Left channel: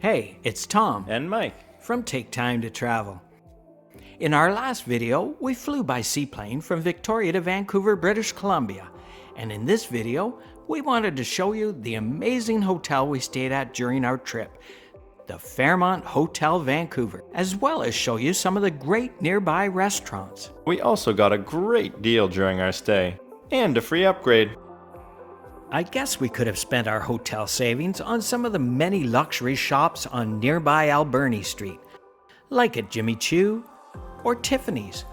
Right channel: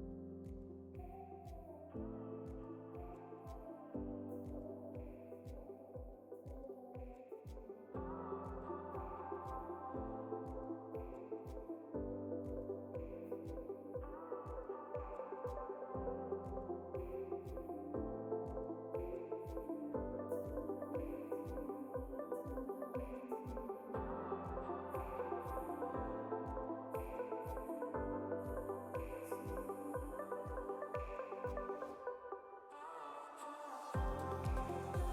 Hey, it's Tom And Mike. from Take Time to Travel. In our last video, we flew by seaplane from Victoria to Vancouver, British Columbia. And in this video, we wanted to show you the amazing hotel we stayed at during our trip, the Fairmont Hotel Vancouver, as well as show you some of the great nearby restaurants. We also got a great deal during our stay, and a free upgrade. I guess we could have spent our hotel savings on some of the many luxury shops on nearby Alberni Street, like at Jimmy Choo or Tiffany's,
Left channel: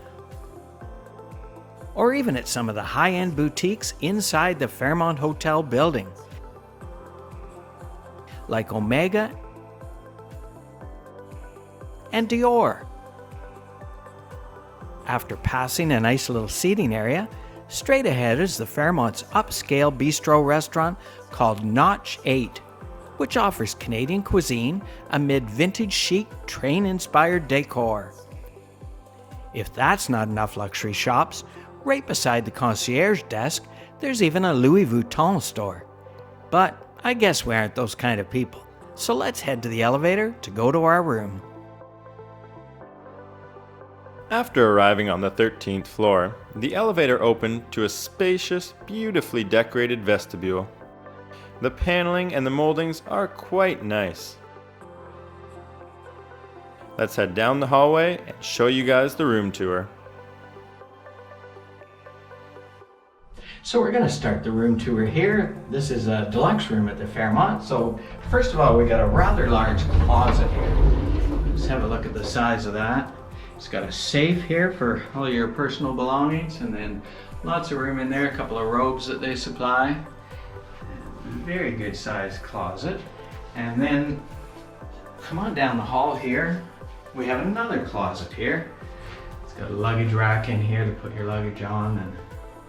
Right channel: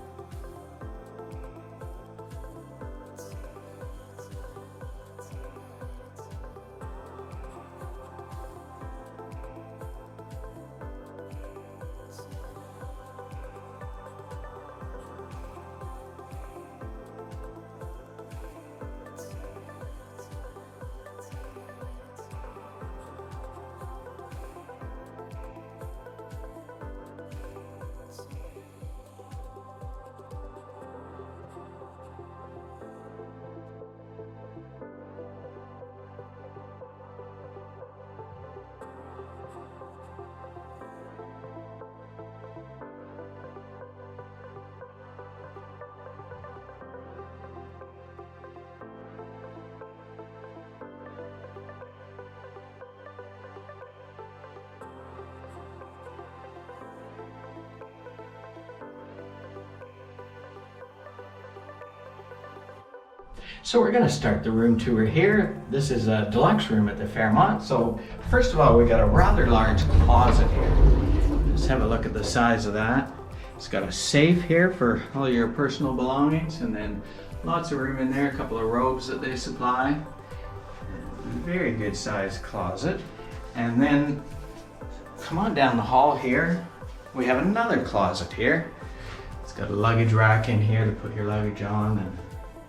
or even at some of the high-end boutiques inside the Fairmont Hotel building, like Omega and Dior. After passing a nice little seating area, straight ahead is the Fairmont's upscale bistro restaurant called Notch 8, which offers Canadian cuisine amid vintage chic train-inspired decor. If that's not enough luxury shops, right beside the concierge desk, there's even a Louis Vuitton store. But I guess we aren't those kind of people, so let's head to the elevator to go to our room. After arriving on the 13th floor, the elevator opened to a spacious, beautifully decorated vestibule. The paneling and the moldings are quite nice. Let's head down the hallway and show you guys the room tour. So we're going to start the room tour here. This is a deluxe room at the Fairmont. So first of all, we got a rather large closet here. Let's have a look at the size of that. It's got a safe here for all your personal belongings, and then lots of room in there, a couple of robes that they supply. Very good sized closet. And then come on down the hall here. We have another closet here. It's got a luggage rack in here to put your luggage on, and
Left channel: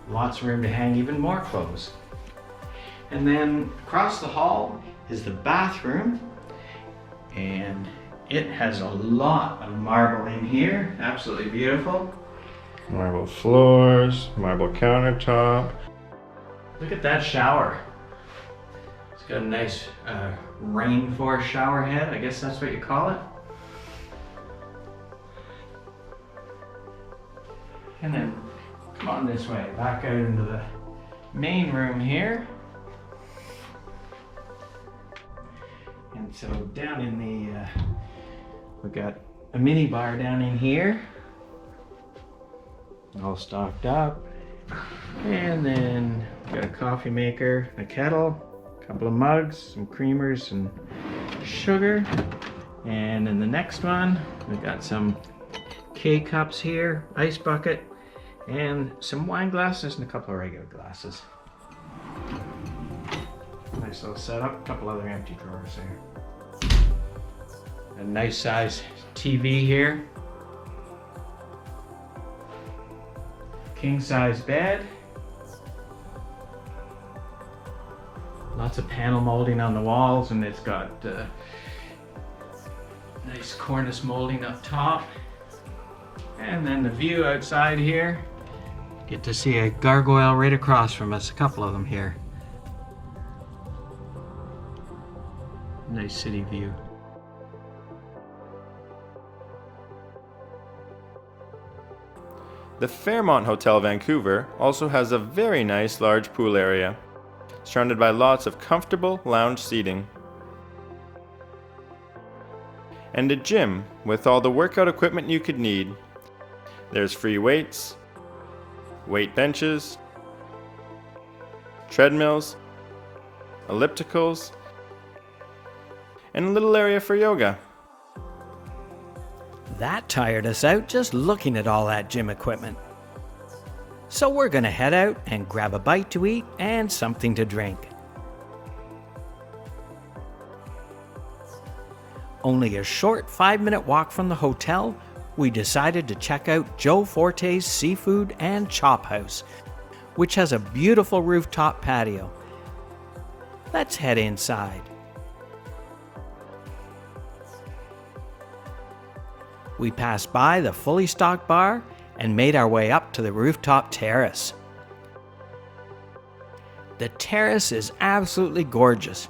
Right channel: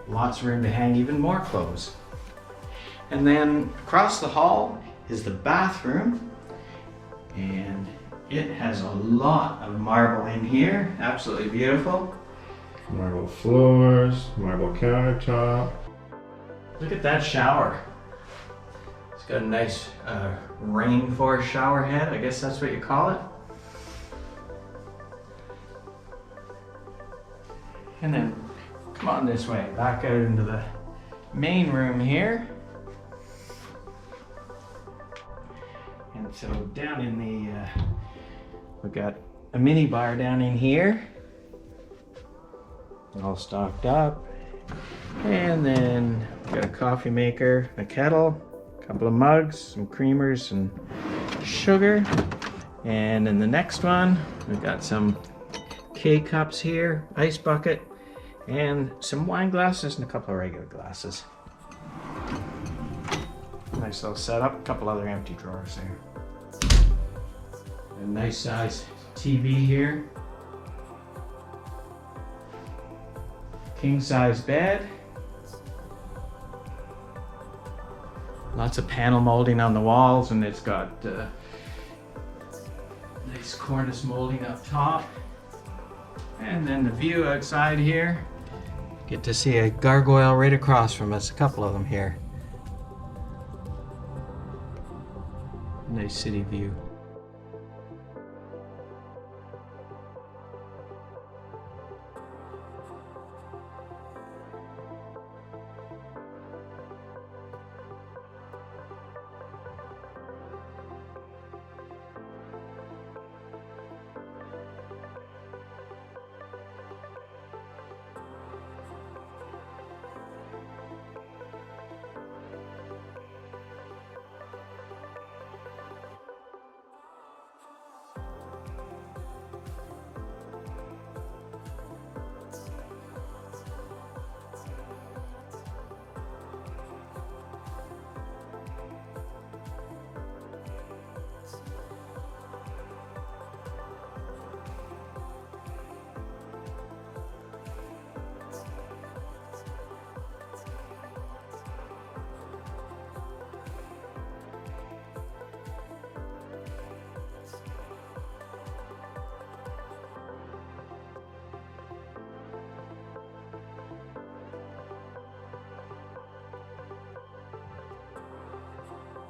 lots of room to hang even more clothes. And then across the hall is the bathroom, and it has a lot of marble in here, absolutely beautiful. Marble floors, marble countertop. Look at that shower. It's got a nice rainforest shower head, I guess that's what you call it. And then come on this way, back out into the main room here. And so down in the, we've got a mini bar down in here, all stocked up. And then we've got a coffee maker, a kettle, a couple of mugs, some creamers and sugar. And in the next one, we've got some K-cups here, ice bucket, and some wine glasses and a couple of regular glasses. Nice little setup, a couple other empty drawers there. A nice size TV here. King size bed. Lots of panel molding on the walls, and it's got nice cornice molding up top. And then the view outside here. Get to see a gargoyle right across from us, a couple of them here. Nice city view. The Fairmont Hotel Vancouver also has a very nice large pool area, surrounded by lots of comfortable lounge seating. And a gym with all the workout equipment you could need. There's free weights, weight benches, treadmills, ellipticals, and a little area for yoga. That tired us out just looking at all that gym equipment. So we're gonna head out and grab a bite to eat and something to drink. Only a short 5-minute walk from the hotel, we decided to check out Joe Forte's Seafood and Chop House, which has a beautiful rooftop patio. Let's head inside. We passed by the fully stocked bar and made our way up to the rooftop terrace. The terrace is absolutely gorgeous.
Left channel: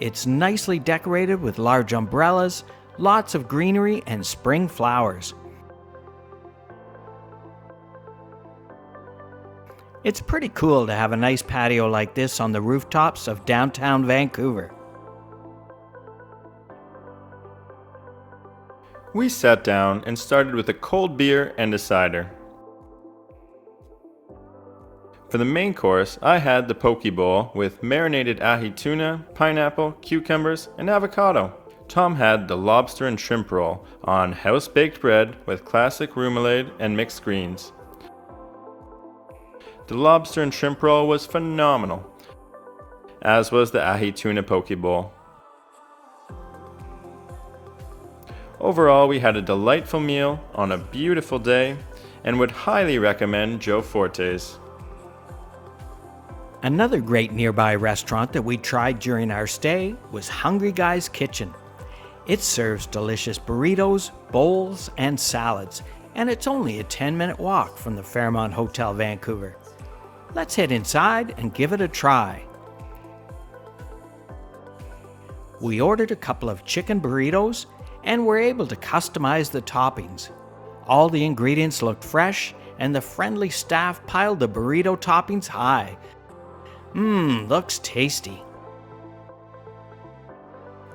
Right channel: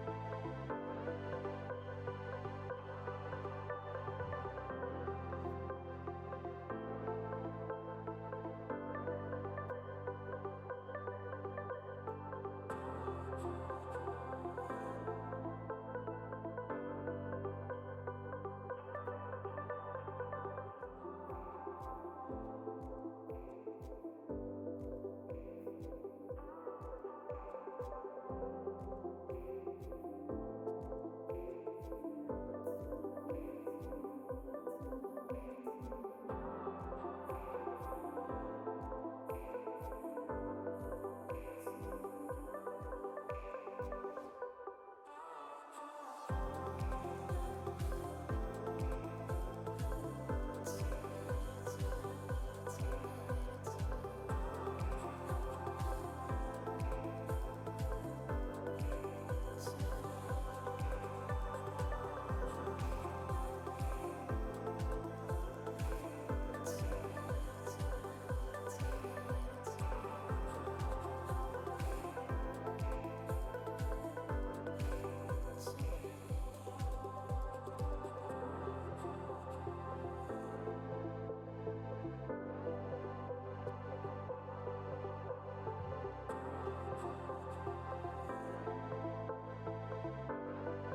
It's nicely decorated with large umbrellas, lots of greenery, and spring flowers. It's pretty cool to have a nice patio like this on the rooftops of downtown Vancouver. We sat down and started with a cold beer and a cider. For the main course, I had the poke bowl with marinated ahi tuna, pineapple, cucumbers, and avocado. Tom had the lobster and shrimp roll on house-baked bread with classic remoulade and mixed greens. The lobster and shrimp roll was phenomenal, as was the ahi tuna poke bowl. Overall, we had a delightful meal on a beautiful day and would highly recommend Joe Forte's. Another great nearby restaurant that we tried during our stay was Hungry Guy's Kitchen. It serves delicious burritos, bowls, and salads, and it's only a 10-minute walk from the Fairmont Hotel Vancouver. Let's head inside and give it a try. We ordered a couple of chicken burritos and were able to customize the toppings. All the ingredients looked fresh and the friendly staff piled the burrito toppings high. Looks tasty.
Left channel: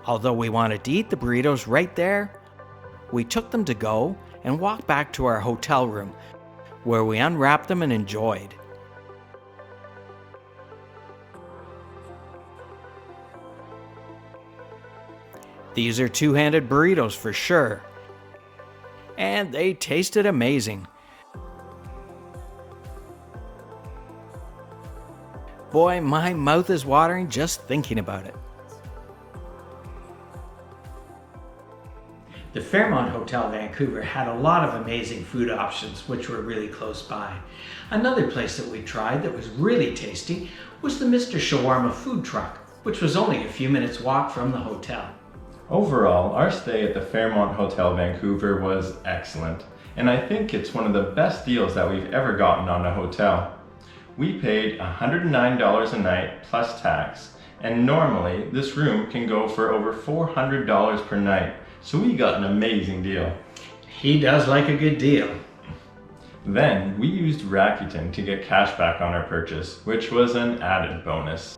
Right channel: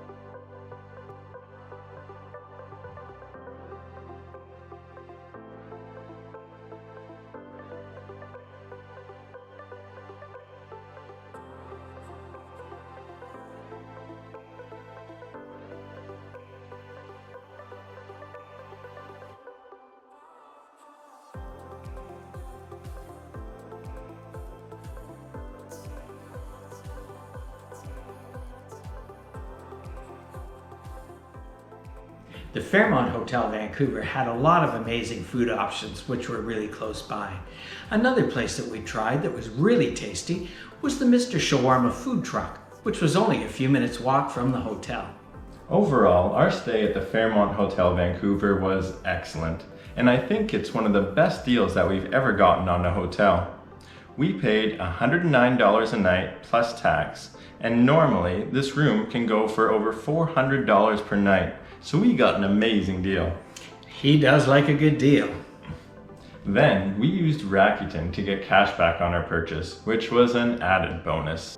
Although we wanted to eat the burritos right there, we took them to go and walked back to our hotel room, where we unwrapped them and enjoyed. These are two-handed burritos for sure, and they tasted amazing. Boy, my mouth is watering just thinking about it. The Fairmont Hotel Vancouver had a lot of amazing food options which were really close by. Another place that we tried that was really tasty was the Mr. Shawarma Food Truck, which was only a few minutes walk from the hotel. Overall, our stay at the Fairmont Hotel Vancouver was excellent, and I think it's one of the best deals that we've ever gotten on a hotel. We paid $109 a night plus tax, and normally this room can go for over $400 per night, so we got an amazing deal. He does like a good deal. Then we used Rakuten to get cash back on our purchase, which was an added bonus.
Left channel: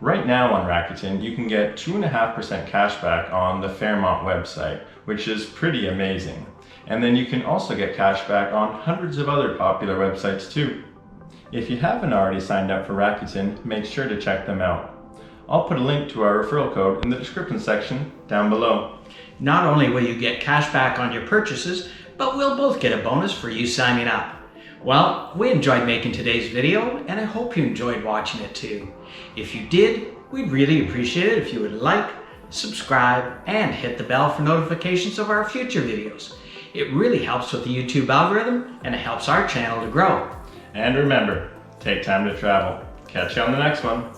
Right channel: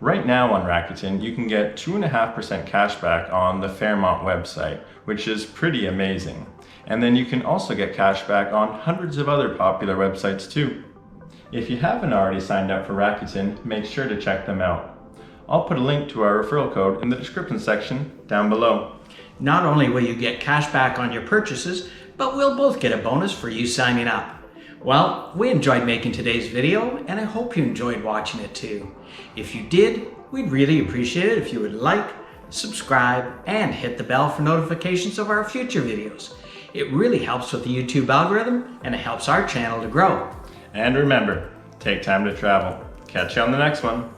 Right now on Rakuten, you can get 2.5% cash back on the Fairmont website, which is pretty amazing. And then you can also get cash back on hundreds of other popular websites too. If you haven't already signed up for Rakuten, make sure to check them out. I'll put a link to our referral code in the description section down below. Not only will you get cash back on your purchases, but we'll both get a bonus for you signing up. Well, we enjoyed making today's video, and I hope you enjoyed watching it too. If you did, we'd really appreciate it if you would like, subscribe, and hit the bell for notifications of our future videos. It really helps with the YouTube algorithm, and it helps our channel to grow. And remember, take time to travel. Catch you on the next one.